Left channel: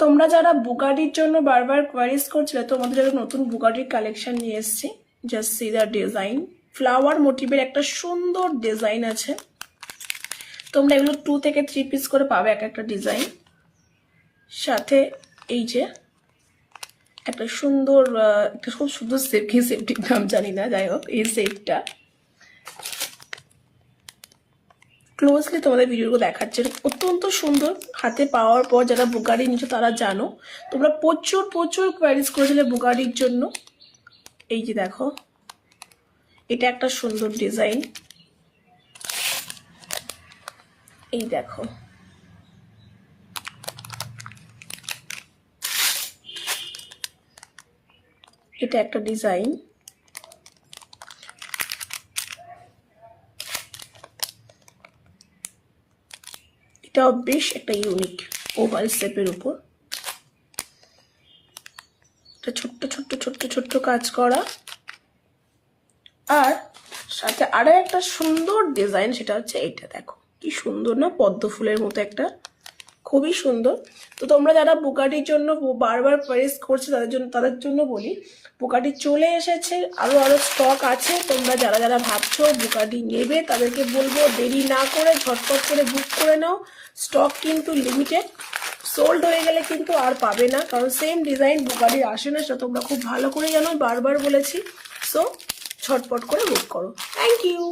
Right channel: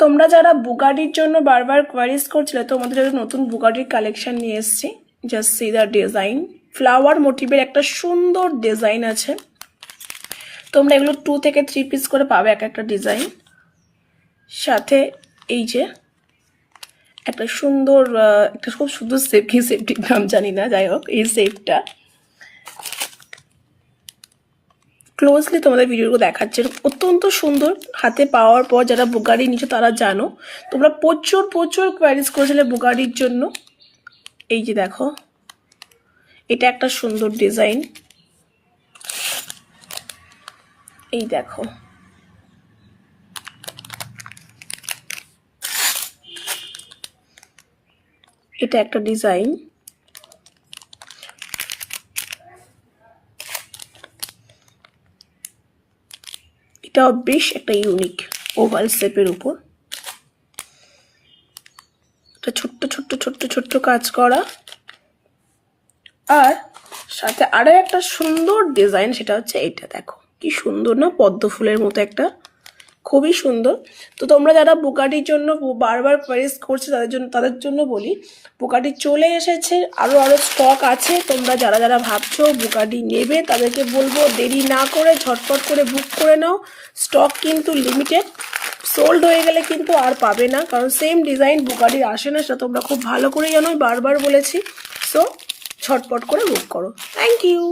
তোমরা যারা বুগাটির জন্য বারবার কোয়ারিজ করছিলে, তোমাদের জন্য নতুন বুগাটির কালেকশন নিয়ে এসেছি। Just see the design, flower মোটিভের একটা সুন্দর ডিজাইন আছে। তোমরা এগুলো 2 থেকে 3 পিস করে পাবে এক একটা ডিজাইন। সাথে এই যে একটা সুন্দর একটা খুব সুন্দর সেফটির নাম জানি না, যাই হোক এই সেফটা ক্লোজলি তোমাদের ভিডিওগুলো দেখাচ্ছে, অত্যন্ত সুন্দর। হাতে পাওয়ার পর যারা বুগারি নিচ্ছ তারা জানো, তোমরা প্রচুর প্রচুর কোয়ারিজ করেছিলে বুগারির জন্য। এই যে দেখো, এটা একটা সুন্দর ডিজাইন। এই দেখো, এটা একটা ডিজাইন। এটাও বেশ একটা ইউনিক ওভাল শেপের উপর, এটা ছোট্ট ছোট্ট ছোট্ট ছোট্ট কাজ করা। আর সাথে আরো একটা সুন্দর ডিজাইন, সেটা হচ্ছে এটা। দেখো কি সুন্দর না, পদ্ম ফুলের মতো একটা, খুবই সুন্দর। তো তোমরা যারা বুগাটির জন্য বারবার কোয়ারিজ করছো তাদের জন্য বলি, বুগাটি চলে এসেছে, আরো স্টক আছে। তোমরা যারা যারা ভাবছো বুগাটি নেবে তাদেরকে বলবো দেরি না করে ঝটপট করে বুক করে নাও। স্টক কিন্তু লিমিটেড, সোল্ড হয়ে গেলে কিন্তু আর পাবে না, কারণ সেম ডিজাইন বুগাটির আসে না, সেটা তোমরা খুব ভালো করে জানো, বারবার বলেছি। সো ঝটপট করে বুক করো। Thank you.